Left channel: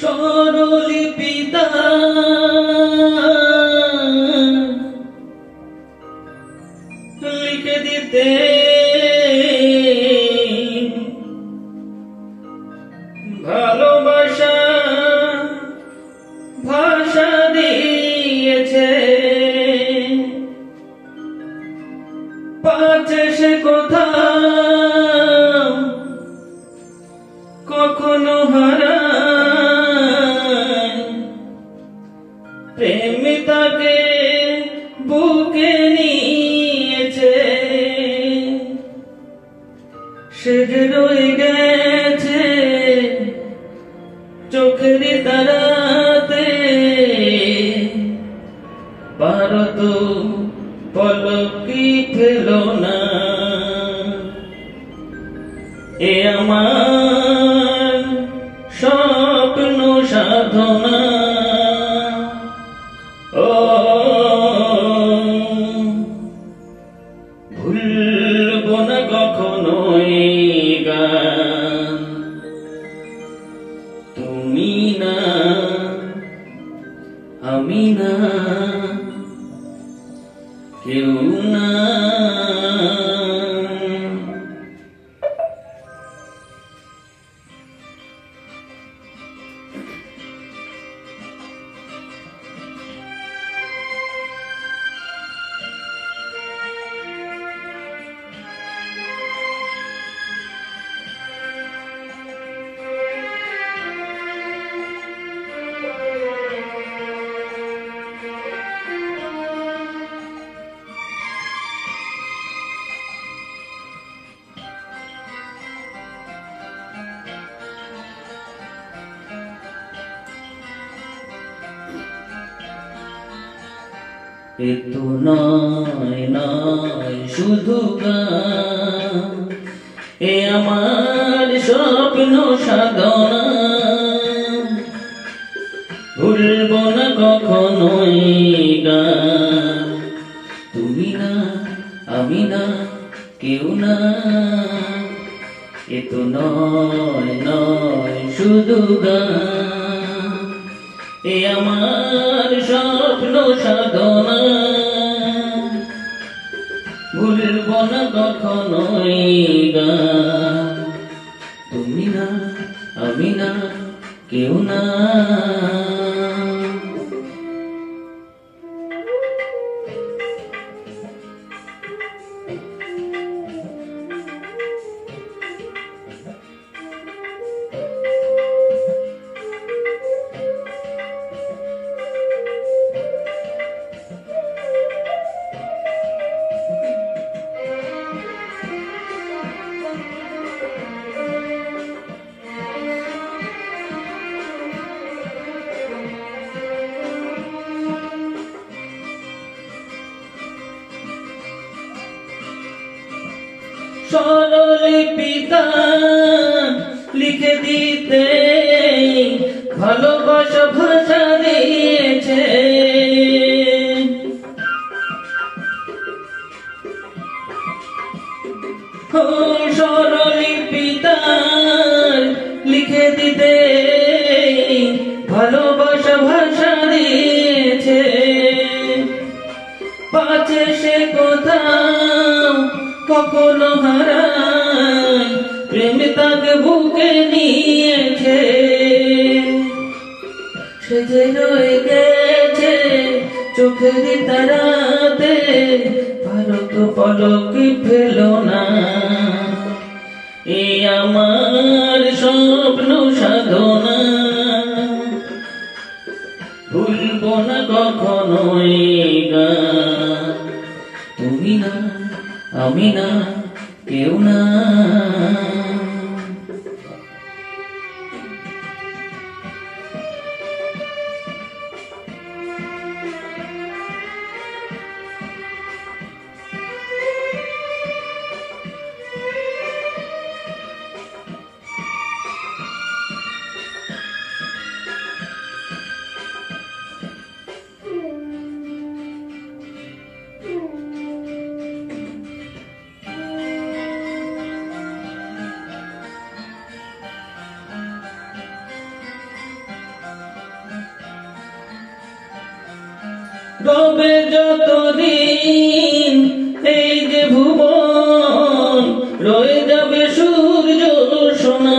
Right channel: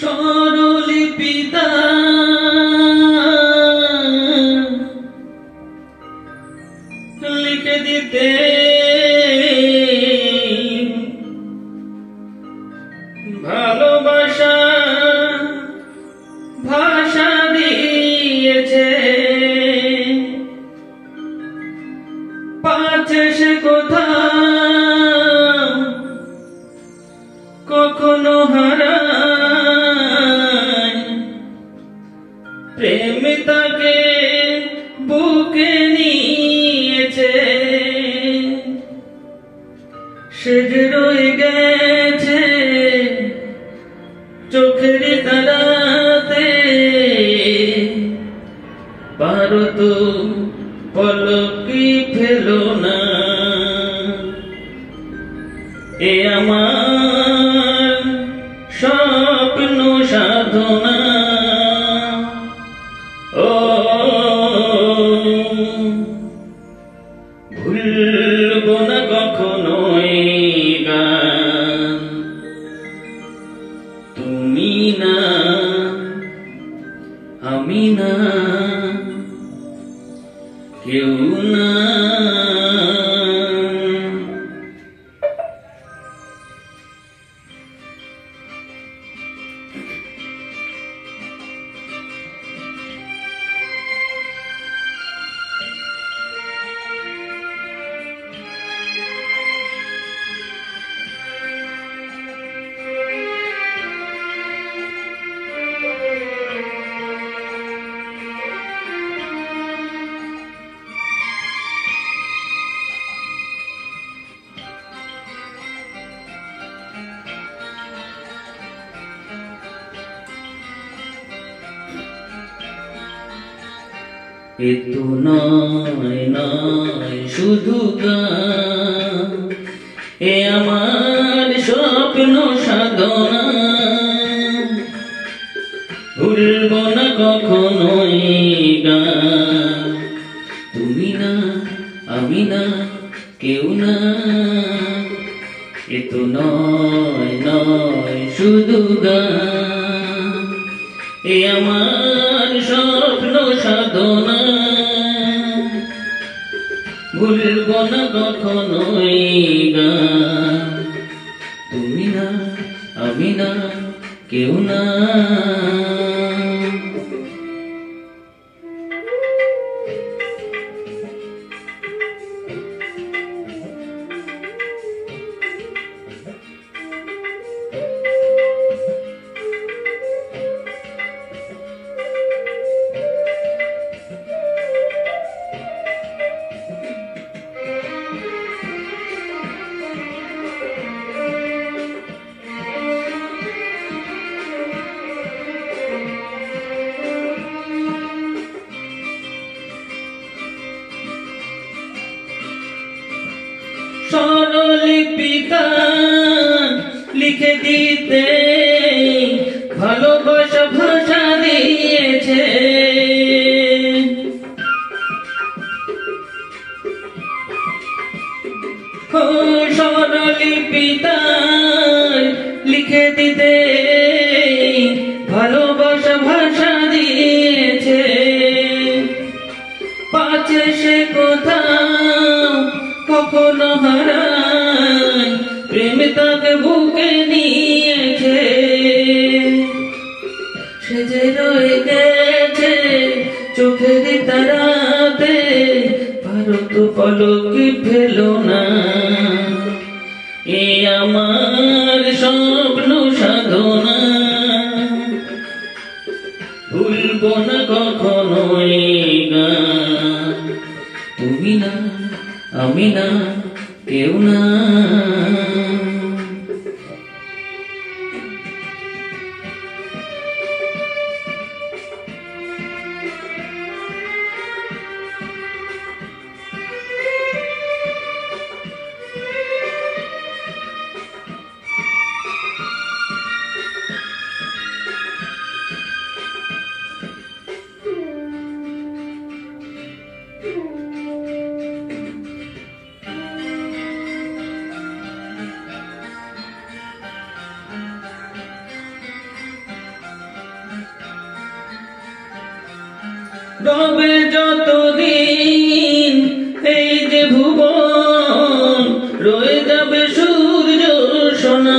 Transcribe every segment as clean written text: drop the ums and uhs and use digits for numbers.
স্বরলিপিতা লিখে দিতে ভালোবাসা ভাষা দিয়েছে, পাচ্ছে সে কোথা কখনো হারায়, প্রেম তাকে বুকে নিয়েছে, সে যে রয়ে গেছে চোখের তারাতে, পারো তো পলকি ফেলো না, এ আমার স্বপ্ন সাধনা। ও ভুলবো না কখনো এই গান, তুমি না আমি না কেউ না। এ তো নয় নয় শুধু গান, এ আমার স্বপ্ন সাধনা, ভুলব না কখনো এই গান, তুমি না আমি না কেউ না। এ তো নয় নয় শুধু গান, এ আমার স্বপ্ন সাধনা, ভুলব না কখনো এই গান, তুমি না আমি না কেউ না। স্বরলিপিতা লিখে দিতে ভালোবাসা ভাষা দিয়েছে, স্বরলিপিতা লিখে দিতে ভালোবাসা ভাষা দিয়েছে, পাচ্ছে সে কোথাও কখনো হারায়, প্রেম তাকে বুকে নিয়েছে, সে যে রয়ে গেছে চোখের তারাতে, পারো তো পলকি ফেলো না, এ আমার স্বপ্ন সাধনা, ভুলব না কখনো এই গান, তুমি না আমি না কেউ না। রবে যতদিন এই যে ভুবন, রয়ে যাবে সূর্য সোনা।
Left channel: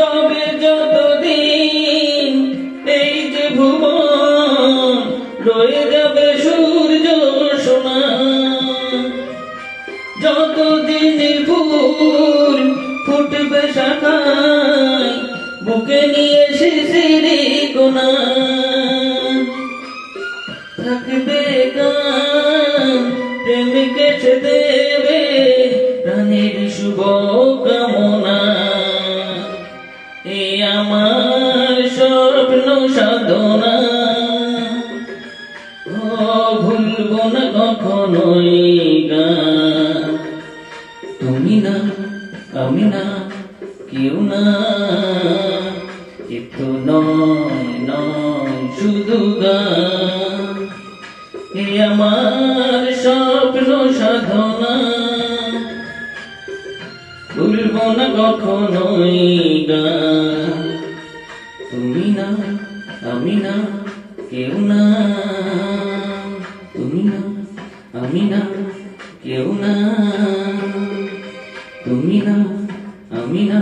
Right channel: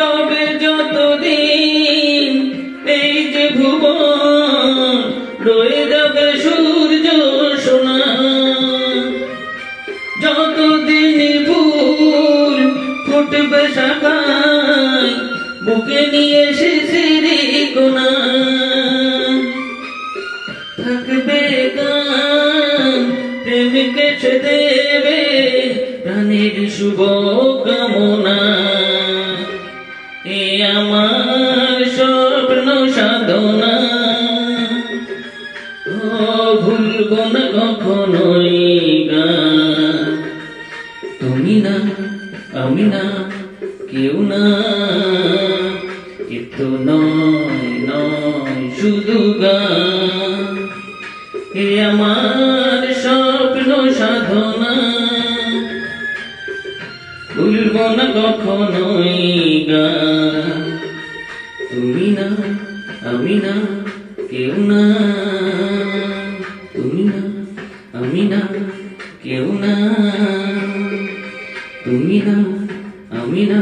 রবে যতদিন এই যে ভুবন, রয়ে যাবে সূর্য সোনা। যতদিন ফুল ফুটবে শাখায়, বুকে নিয়ে শিশিরি কোনা, থাকবে গান প্রেমকে সে দেবে প্রাণের শুভ কামনা। এ আমার স্বপ্ন সাধনা, ভুলব না কখনোই গান। তুমি না আমি না কেউ না, এ তো নয় নয় শুধু গান। এ আমার স্বপ্ন সাধনা, ভুলব না কখনোই গান। তুমি না আমি না কেউ না, তুমি না আমি না কেউ না, তুমি না আমি না